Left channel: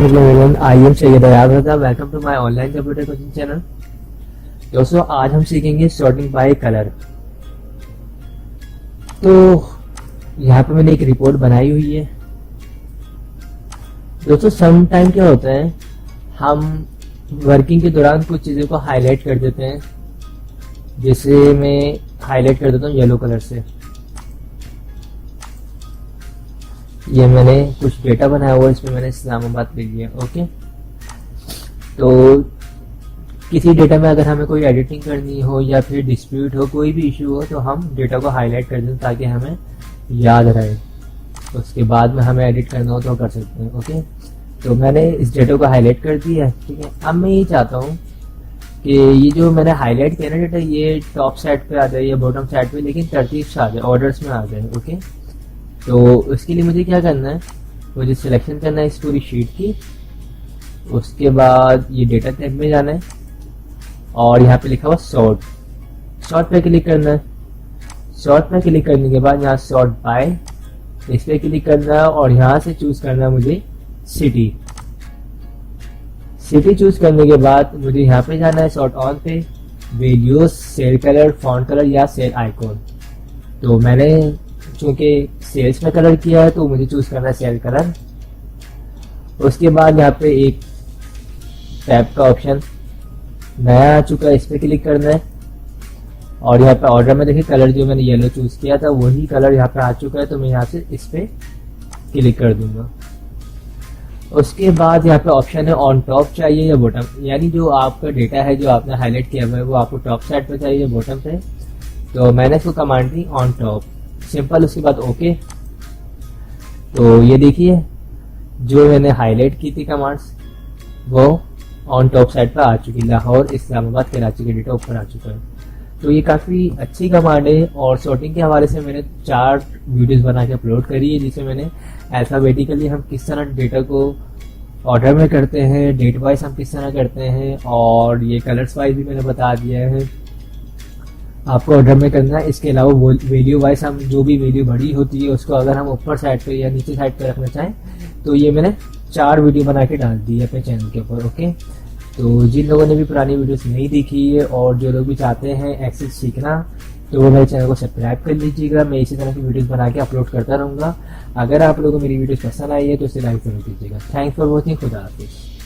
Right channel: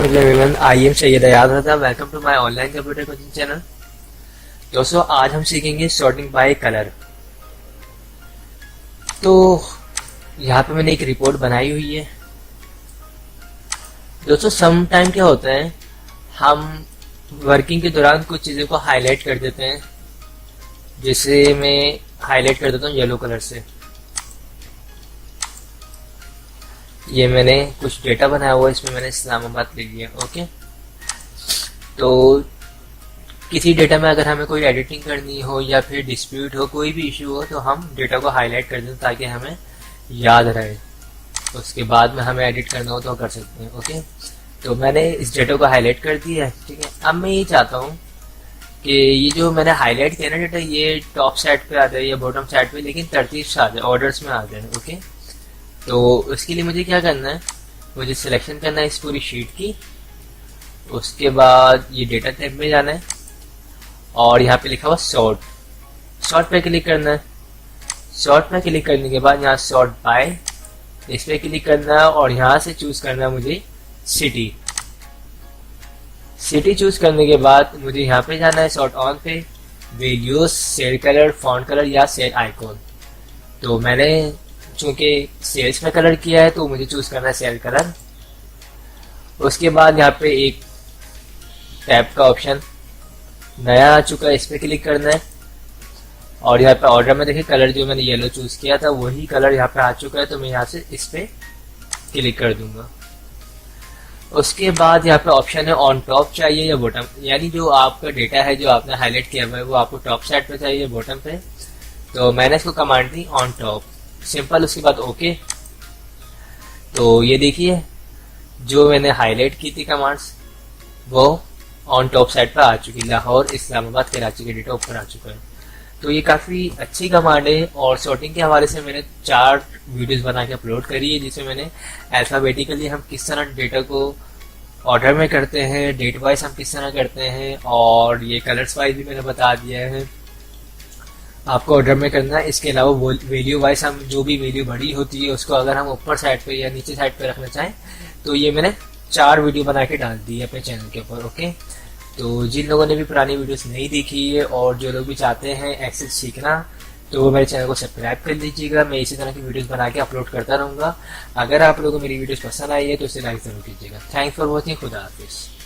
Everyone, I am Syed Ayaz Raza. Welcome to my online computer coaching channel. दोस्तों, आज हम सीखेंगे सॉर्टिंग बाय कलर। तो यहाँ पे मैंने एक रिपोर्ट बनाई हुई है। दोस्तों, सम टाइम क्या होता है, हम वर्किंग के दौरान कुछ चीज़ों को हाईलाइट कर देते हैं। जैसे मैं हाईलाइट कर देता हूँ येलो कलर से। ये मैंने कुछ डेटा बनाया हुआ है, इसमें मैंने इस्लामाबाद ले लिया। ओके, तो किसी डेटा में अगर हमें कोई एडिटिंग करनी हो या फिर डिस्प्यूट हो, कोई भी इशू हो, तो हम डेटा को हाईलाइट कर दें ताकि हमें याद रहे। उसके बाद में हमें एडिट करना हो तो कर सकते हैं। ओके, तो मैंने इस डेटा को हाईलाइट कर दिया है। ठीक है, अब मैं ये चाहता हूँ कि ये जो मैंने हाईलाइट किया ना डेटा, ये टॉप साइड पे आ जाए या बॉटम साइड पे, लेकिन तरतीब से आ जाए, ऑर्डर्स में आ जाए। ओके, तो उसके लिए मुझे क्या करना है, मुझे सिलेक्शन करना है इस पूरी शीट की। उसके बाद ये डेटा टैब में जाना है और यहाँ पे लिखा हुआ सॉर्ट पे क्लिक करना है। सॉर्ट पे क्लिक करने के बाद यहाँ सॉर्ट बाय, इस पे क्लिक करना है और यहाँ से चूज करना है मुझे सिटी चूज करने के बाद मुझे यहाँ पे जाना है सॉर्ट ऑन पे, values, cell colour, font colour या सेल आइकॉन। तो मैंने चूंकि सेल्स में कलर किया है तो मुझे चूज करना है सेल कलर। उसके बाद यहाँ पे एक टैब का ऑप्शन नया आ चुका है, इस पे क्लिक करना है और यहाँ पे ऑर्डर में देखिए कलर जो मैंने येलो चूज किया था वही कलर यहाँ पे आ चुका है, तो मैं यहाँ से इस पे क्लिक कर दूंगा। उसके बाद यहाँ पे ऑप्शन है ऑन टॉप चाहिए या बॉटम, यानी जो आपका डेटा है जो आपने हाईलाइट किया हुआ है वो आपको टॉप साइड पे चाहिए या बॉटम पे। तो मैंने इसको command the on top, simple. उसके बाद ओके। तो ये देखिए जो मैंने हाईलाइट की थी कमांड्स वो ऑन टॉप साइड पर आ चुकी, लाहौर, इस्लामाबाद, कराची के डेटा ऊपर आ चुका है। तो ये काफ़ी अच्छी कमांड है और सॉर्टिंग के हवाले से मैंने 4 वीडियोस बना के अपलोड करी है, जिसमें मैंने अल्फ़ाबेटिकली हम किस तरह डेटा को ऑर्डर में करते हैं, डेट वाइज हम किस तरह करते हैं, और ये कलर्स वाइज भी मैंने बता दिया है आपको ऑर्डर में करना है। इसके अलावा वैल्यू वाइज हम जो भी वैल्यू बड़ी होती है उसको अगर हम ऊपर साइड पे या नीचे साइड पे रखना चाहें तो ये मैंने 4 वीडियो बना के डाल दी है अपने चैनल के ऊपर। ओके, तो जिन लोगों ने भी पुरानी वीडियोस नहीं देखी है और जो लोग भी चाहते हैं एक्सेल सीखना, तो वो मेरे चैनल को सब्सक्राइब कर लीजिएगा। मैं इसी तरह की वीडियोस बना के अपलोड करता रहूँगा। अगर आप लोगों को मेरी वीडियोस पसंद आई है तो इसे लाइक ज़रूर कीजिएगा। Thanks for watching. खुदा हाफिज़।